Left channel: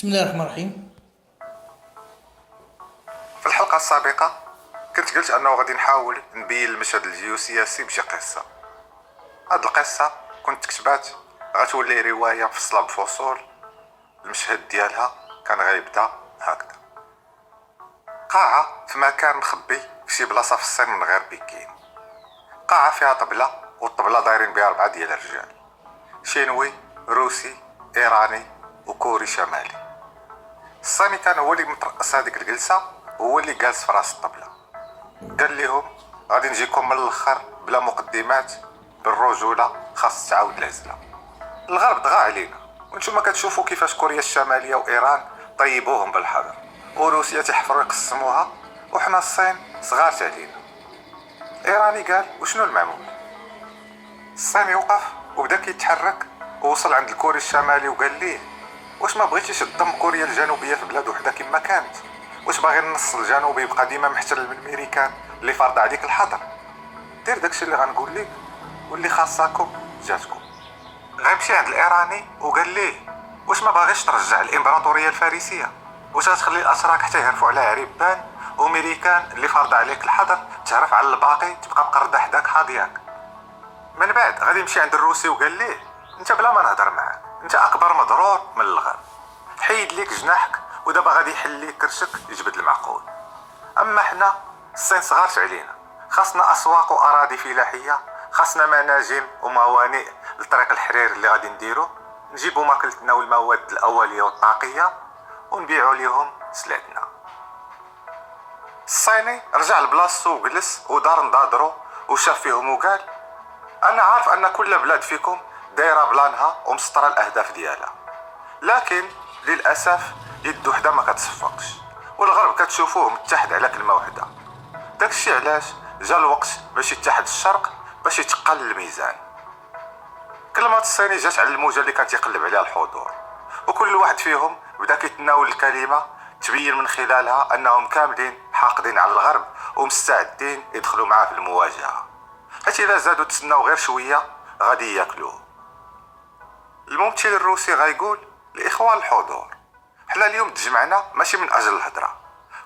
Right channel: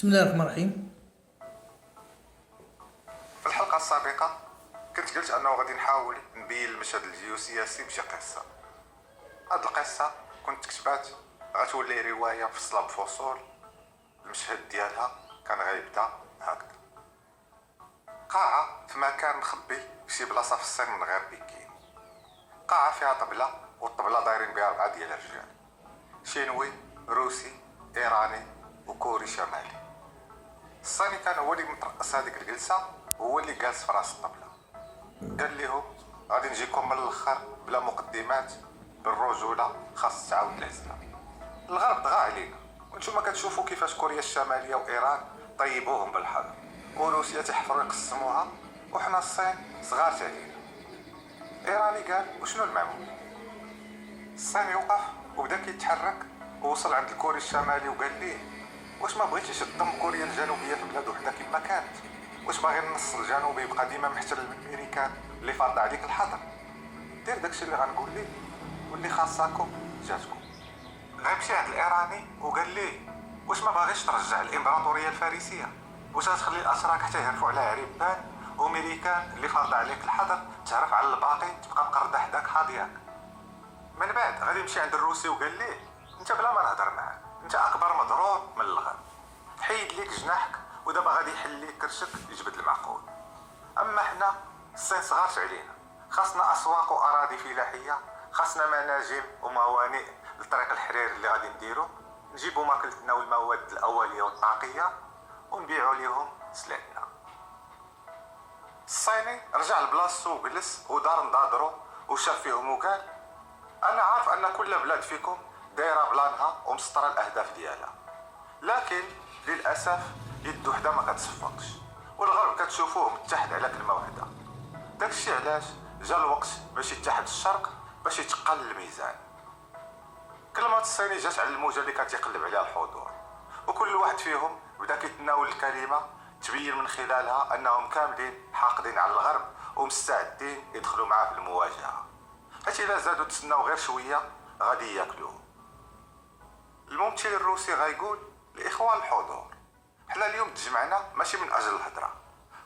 بسم الله الرحمن الرحيم. في الحلقة السابقة كنت قلت أنه غادي نحاول نبين المشهد الجيوسياسي بشي قصة. هاد القصة كنت كتبات غتولي رواية مفصلة بفصول. المشهد ديالها كان غيبدا هكذا: قاعة في مكان مخبي في شي بلاصة في الصين من غير بكين. قاعة فيها طبلة، والطبلة دايرين بها 4 ديال الرجال: شينوي، روسي، إيراني وكوري شمالي. الصيني كان هو اللي مترأس هذيك الجلسة، هو اللي جالس في راس الطبلة. قال لهم غادي نجيكم من الاخر بلا مقدمات، بالرجولة خاص تعاود العزلة. الغرب ضغى علينا، وانتم كتشوفوا كيفاش كوريا الشمالية وإيران طيبوهم بالحضر، وروسيا تحفروا يقسموها، وحنا الصين صغارت علينا. إيراني قال وشنو المعمول؟ الصيني وقف وبدا كيتحرك، ووصل عند الكوري الشمالي وقال ليه: واش ما بغيتيش تضم كوريا الجنوبيه في بلاد وحده كما كانت؟ واش باغي النص الجنوبي يبقى ديما محتل من الامريكان اللي فارضه عليك الحظر؟ دير داكشي اللي غنقول لك، واللي خاصاكم جاتكم. غيمشي عند الايراني وقال ليه: واش ما باغيش ترجع الامبراطوريه الفارسيه؟ واش غتخلي الاتراك حتى يهرفوا على عريبان، وامريكان اللي فارضه عليك الحظر تعرف على الباقي تبقى مقرده حداك حاضياك؟ من بعد غادي يمشي عند الروسي وقال ليه: انت بلا ما نهضر معاك، انت اكبر مضرور من الغرب، حيد ليك جناحك ودابا غادي يحل ليك كرشك يجبد المعقول. اما حنا الصين صغارت علينا، خاصنا اسواق واراضي فلاحيه، خاصنا مناجم وموانئ لطريق الحرير اللي غادي نديرو، نجيبو ماكلتنا والمواد الاوليه والطاقيه ونبيعو ليهم سلعتنا. الصيني رجع لبلاصتو وجلس ودار نضادرو وشاف فيهم وقال: انا عارف ان كل بلاد فيكم دايره بلانها ومسطره الاهداف ديالها، لكن للاسف يد وحده ما كتصفقش، والغرب كتشوفوه متحد على كلمه وحده. داكشي علاش جا الوقت باش يتحد الشرق باش يتقل الميزان. كلمه الصيني جات على الموجه اللي كان تيقلب عليها الحضور، وكل واحد فيهم بدا كيتناول الكلمه تبين من خلالها انهم كاملين حاقدين على الغرب ومستعدين يدخلوا معاه في المواجهه، حيت الا زادوا تسناو غير شويه غادي ياكلوه. الممثل الروسي غايقول لاخوان الحضور: حنا اليوم تجمعنا ماشي من اجل الهضره،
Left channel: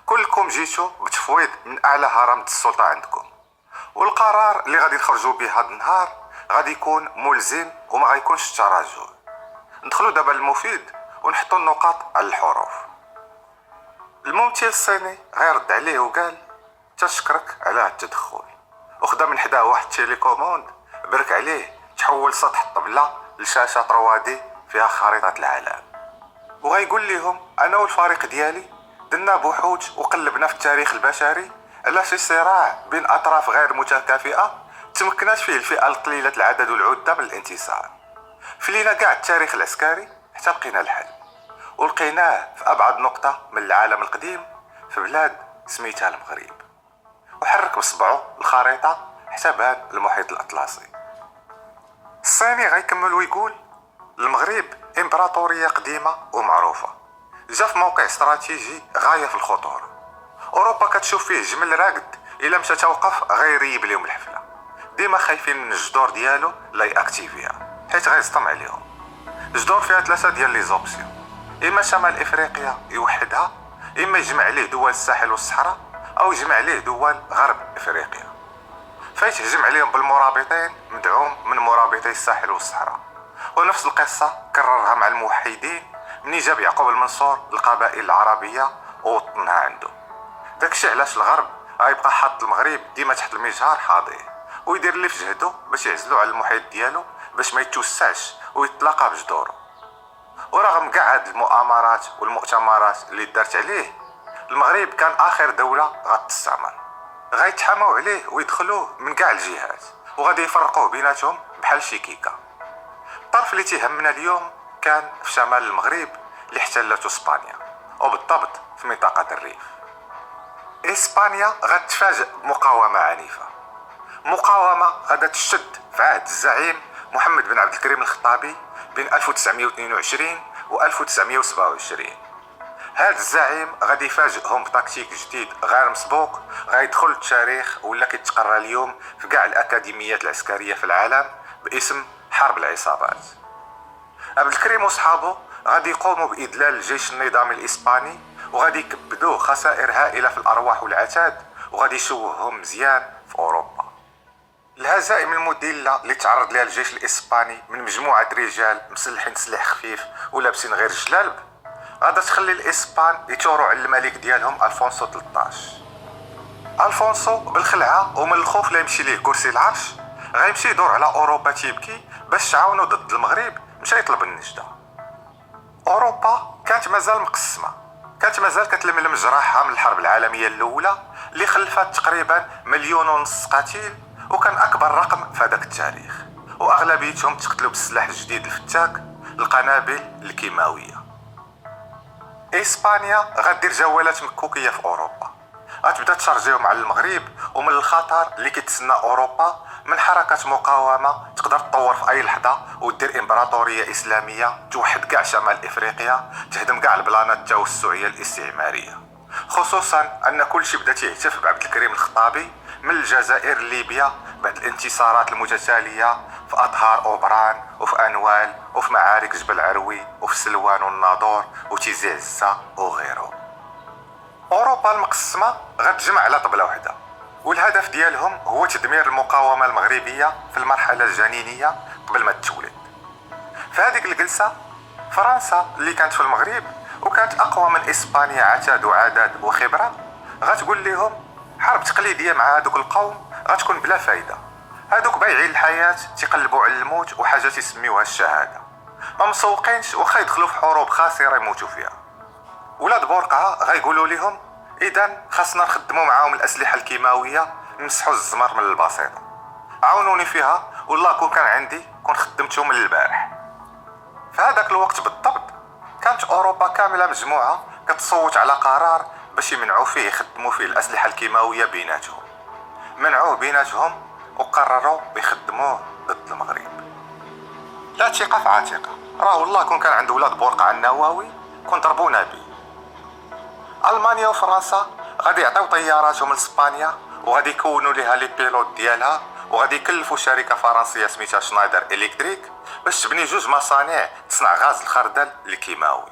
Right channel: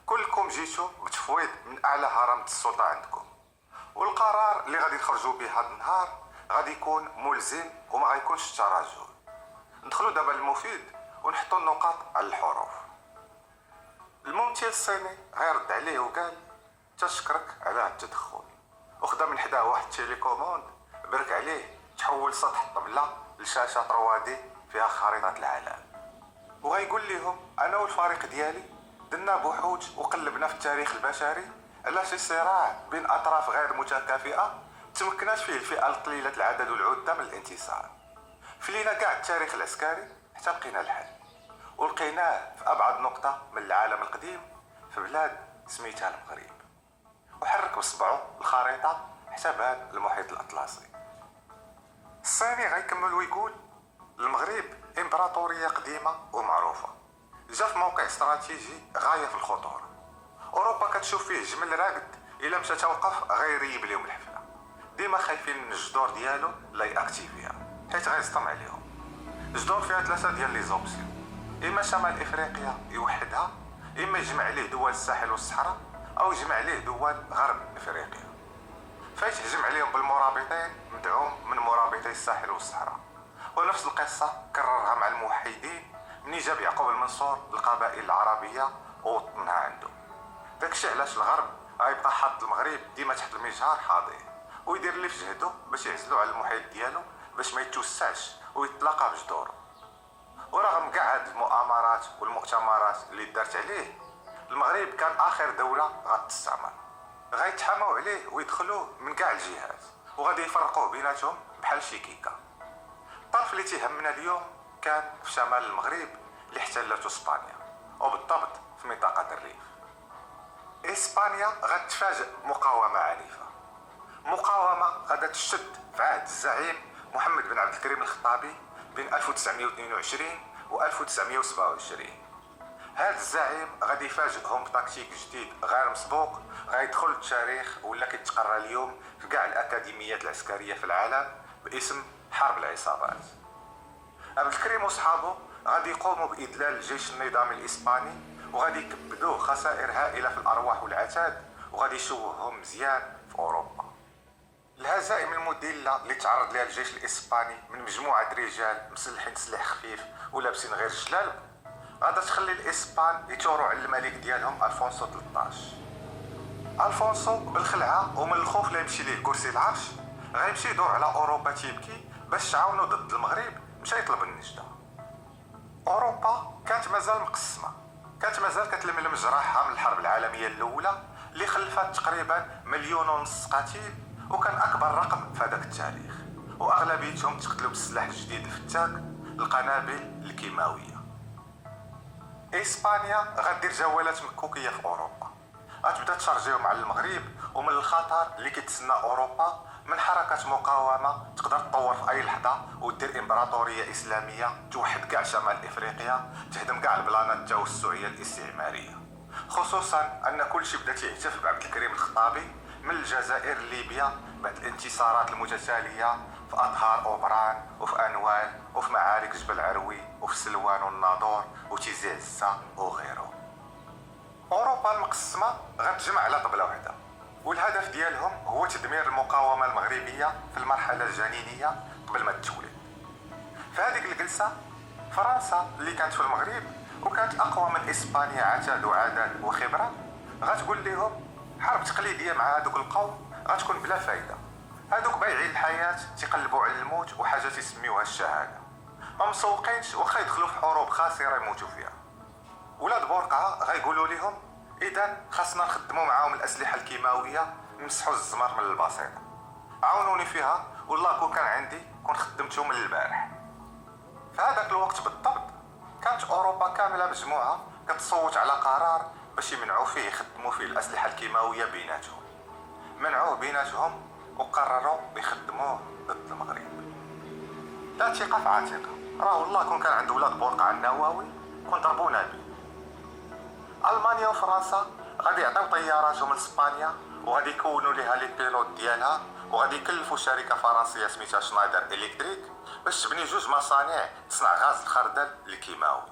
كلكم جيتوا بتفويض من اعلى هرم السلطه عندكم، والقرار اللي غادي نخرجوا به هذا النهار غادي يكون ملزم وما غيكونش تراجع. ندخلوا دابا للمفيد ونحطوا النقاط على الحروف. الممثل الصيني غيرد عليه وقال: تشكرك على هذا التدخل، وخدا من حداه واحد التيليكوموند برك عليه تحول سطح الطبله لشاشه 3D فيها خريطه العالم، وغيقول لهم: انا والفريق ديالي درنا بحوث وقلبنا في التاريخ البشري على شي صراع بين اطراف غير متكافئه تمكنات فيه الفئه القليله العدد والعده من الانتصار. فلينا كاع التاريخ العسكري حتى لقينا الحل، ولقيناه في ابعد نقطه من العالم القديم في بلاد سميتها المغرب، وحرك بصبعه الخريطه حتى بان المحيط الاطلسي. الصيني غيكمل ويقول: المغرب امبراطوريه قديمه ومعروفه، جا في موقع استراتيجي غايه في الخطوره. اوروبا كتشوف فيه جمل راقد، الا مشى توقف غيريب لهم الحفله، ديما خايفين من الجدور ديالو لا ياكتيفيها حيت غيصطم عليهم. الجدور فيها 3 ديال لي زوبسيون: اما شمال افريقيا يوحدها، اما يجمع عليه دول الساحل والصحراء، او يجمع عليه دول غرب افريقيا. فايت هجم عليهم بالمرابطين مدعوم من مرابطي الساحل والصحراء. ونفس القصة كررها مع الموحدين مني جاب يعقوب المنصور القبائل العربية ووطنها عنده. داكشي علاش الغرب غيبقى حاط المغرب ديما تحت المجهر حاضيه، ويدير اللي في جهده باش يعزلو على المحيط ديالو باش ما يتوسعش ويتلاقى بجدوره. ورغم كاع هاد المؤامرات والمؤتمرات اللي دارت عليه، المغرب كان اخر دولة غتستعمر. غيتحاموا عليه ويدخلوه من كاع الجهات، وغادي يفرقوه بيناتهم بحال شي كيكه. الطرف اللي تيهمنا اليوم كان في شمال المغرب اللي احتلته اسبانيا، وبالضبط في منطقه الريف. اسبانيا غتفاجئ بمقاومه عنيفه، مقاومه غادا تشد في عهد الزعيم محمد بن عبد الكريم الخطابي بين 1922 و 1927. هذا الزعيم غادي يفاجئهم بتكتيك جديد غير مسبوق، غيدخل التاريخ ولا كيتقرا اليوم في كاع الاكاديميات العسكريه في العالم باسم حرب العصابات. عبد الكريم وصحابه غادي يقوموا بإذلال الجيش النظامي الإسباني، وغادي يكبدوه خسائر هائلة في الأرواح والعتاد، وغادي يشوههم مزيان في أوروبا. الهزائم المذلة اللي تعرض لها الجيش الإسباني من مجموعة رجال مسلحين سلاح خفيف ولابسين غير جلالب غادا تخلي الإسبان يثوروا على الملك ديالهم ألفونسو 13. ألفونسو بالخلعة ومن الخوف لا يمشي ليه كرسي العرش غيمشي يدور على أوروبا تيبكي باش تعاونو ضد المغرب، مشى يطلب النجدة. أوروبا كانت مازال مقسمة، كانت مازال كتلملم جراحها من الحرب العالمية الأولى اللي خلفت تقريبا 1.5 مليون قتيل، وكان أكبر رقم في هذاك التاريخ، وأغلبيتهم تقتلوا بالسلاح الجديد الفتاك، القنابل الكيماوية. إسبانيا غدير جولات مكوكية في أوروبا، غتبدا تشارجيهم على المغرب ومن الخطر اللي كيتسنى أوروبا من حركة مقاومة تقدر تطور في أي لحظة ودير إمبراطورية إسلامية توحد كاع شمال إفريقيا، تهدم كاع البلانات التوسعية الاستعمارية. خصوصا أن كل شيء بدا تيهتف بعبد الكريم الخطابي من الجزائر لليبيا بعد الانتصارات المتتالية في أظهار أوبران وفي أنوال وفي معارك جبل عروي وفي سلوان والناظور وتيزي عزة وغيره. أوروبا المقسمة غتجمع على طبلة واحدة، والهدف ديالهم هو تدمير المقاومة المغربية في المرحلة الجنينية قبل ما تولد. في هذيك الجلسة فرنسا اللي كانت في المغرب وكانت أقوى من إسبانيا عتاد وعدد وخبرة غتقول لهم حرب تقليدية مع هذوك القوم غتكون بلا فايدة، هذوك بايعين الحياة تيقلبوا على الموت وحاجة تسميوها الشهادة، ما مسوقينش واخا يدخلوا في حروب خاسرة يموتوا فيها. ولاد بورقعة غيقولوا لهم إذن خاصنا نخدموا معاهم الأسلحة الكيماوية نمسحوا الزمر من البسيطة، عاونوني فيها والله كون كان عندي كون خدمتو من البارح. في هذاك الوقت بالضبط كانت أوروبا كاملة مجموعة كتصوت على قرار باش يمنعوا فيه يخدموا فيه الأسلحة الكيماوية بيناتهم. منعوه بيناتهم وقرروا يخدموه ضد المغرب. لا ثقة في عاتقة، راه والله كون كان عند ولاد بورقعة النووي كون ضربونا بيه. ألمانيا وفرنسا غادي يعطيو طياراتهم لإسبانيا وغادي يكونوا ليها لي بيلوت ديالها، وغادي يكلفوا شركة فرنسية سميتها شنايدر إلكتريك باش تبني 2 مصانع تصنع غاز الخردل الكيماوي،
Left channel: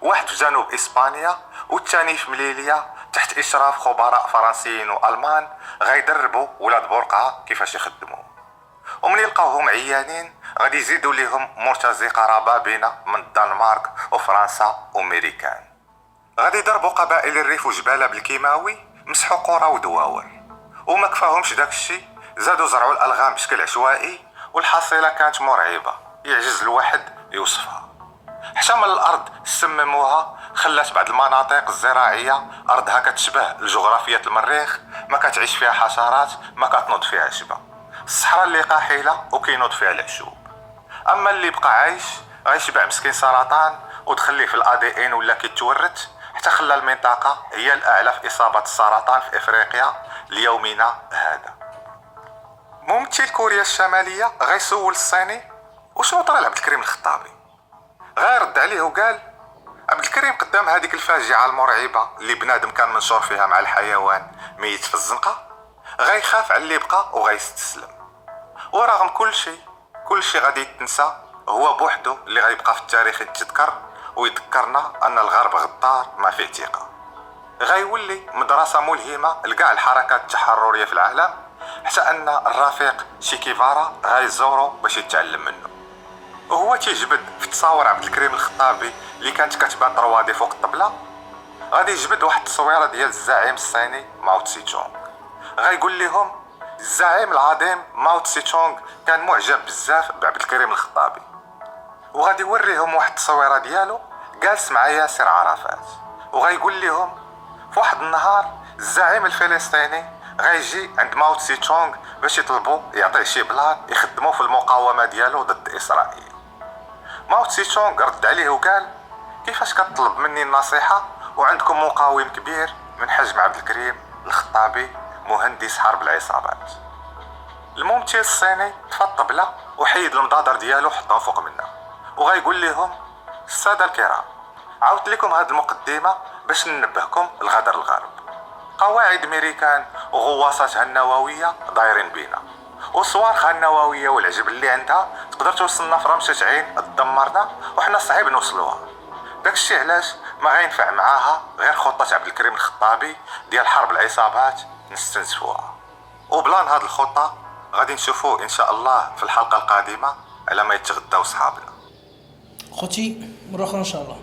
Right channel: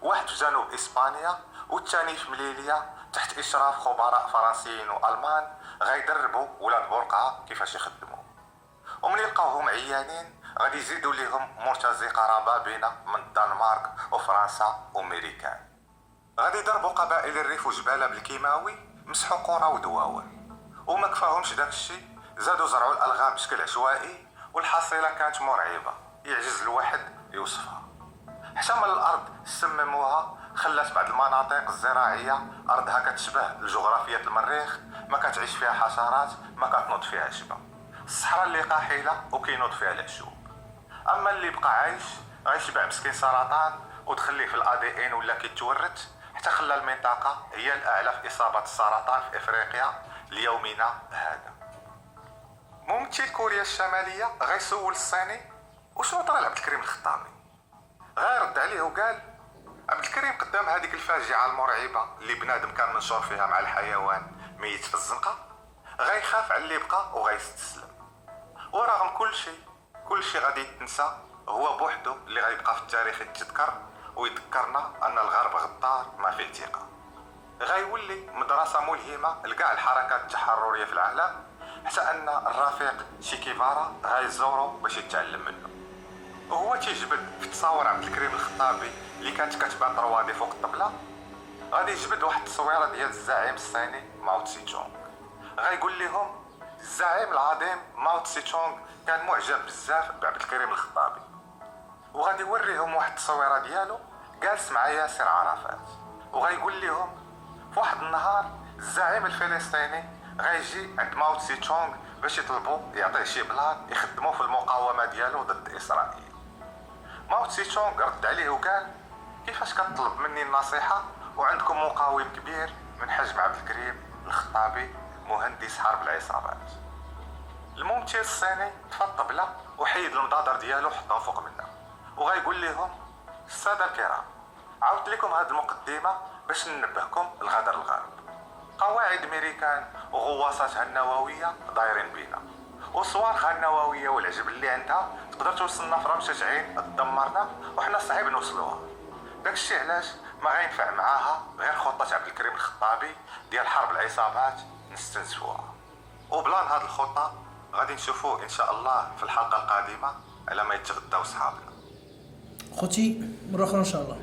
واحد في جنوب إسبانيا والثاني في مليليا تحت إشراف خبراء فرنسيين وألمان غيدربوا ولاد بورقعة كيفاش يخدموا. ومن يلقاوهم عيانين غادي يزيدوا ليهم مرتزقة ربابنة من الدنمارك وفرنسا وأمريكان. غادي يضربوا قبائل الريف وجبالة بالكيماوي، مسحوا قرى ودواور، وما كفاهمش داك الشيء زادوا زرعوا الألغام بشكل عشوائي، والحصيلة كانت مرعبة يعجز الواحد يوصفها. حتى من الأرض سمموها، خلات بعض المناطق الزراعية أرضها كتشبه الجغرافية المريخ، ما كتعيش فيها حشرات، ما كتنوض فيها شبه، الصحراء اللي قاحلة وكينوض فيها العشوب. أما اللي بقى عايش غيشبع مسكين سرطان وتخليه في الADN ولا كيتورث، حتى خلى المنطقة هي الأعلى في إصابة السرطان في إفريقيا ليومنا هذا. ممثل كوريا الشمالية غيسول الصيني وشنو طرا لعبد الكريم الخطابي، غيرد عليه وقال عبد الكريم قدام هذيك الفاجعة المرعبة اللي بنادم كان منشور فيها مع الحيوان ميت في الزنقة غيخاف على اللي بقى وغيستسلم، ورغم كل شيء غادي يتنسى، هو بوحدو اللي غيبقى في التاريخ يتذكر ويذكرنا أن الغرب غدار ما فيه ثقة. غيولي مدرسة ملهمة لكاع الحركات التحررية في العالم، حتى أن الرفيق شيكيفارا غيزورو باش يتعلم منه. وهو تيجبد في تصاور عبد الكريم الخطابي اللي كانت كتبان طروادي فوق الطبلة، غادي يجبد واحد التصويرة ديال الزعيم الصيني ماو تسي تشونغ. غيقول لهم الزعيم العظيم ماو تسي تشونغ كان معجب بزاف بعبد الكريم الخطابي، وغادي يوريهم واحد التصويرة ديالو جالس مع ياسر عرفات، وغيقول لهم في واحد النهار الزعيم الفلسطيني غيجي عند ماو تسي تشونغ باش يطلبوا يعطيه شي بلان يخدموا في المقاومة ديالو ضد إسرائيل. ماو تسي تشونغ رد عليه وقال كيفاش كتطلب مني النصيحة وعندكم مقاوم كبير من حجم عبد الكريم الخطابي مهندس حرب العصابات. الممثل الصيني طفى الطبلة وحيد المضادر ديالو حطهم فوق منها، وغيقول لهم السادة الكرام عاودت لكم هاد المقدمة باش ننبهكم لغدر الغرب. قواعد ميريكان وغواصاتها النووية دايرين بينا، وصواريخها النووية والعجب اللي عندها تقدر توصلنا في رمشة عين تدمرنا وحنا صعيب نوصلوها. داكشي علاش ما غينفع معاها غير خطة عبد الكريم الخطابي ديال حرب العصابات نستنزفوها. وبلان هاد الخطة غادي نشوفوه ان شاء الله في الحلقة القادمة على ما يتغداو صحابنا. خوتي مره اخرى ان شاء الله.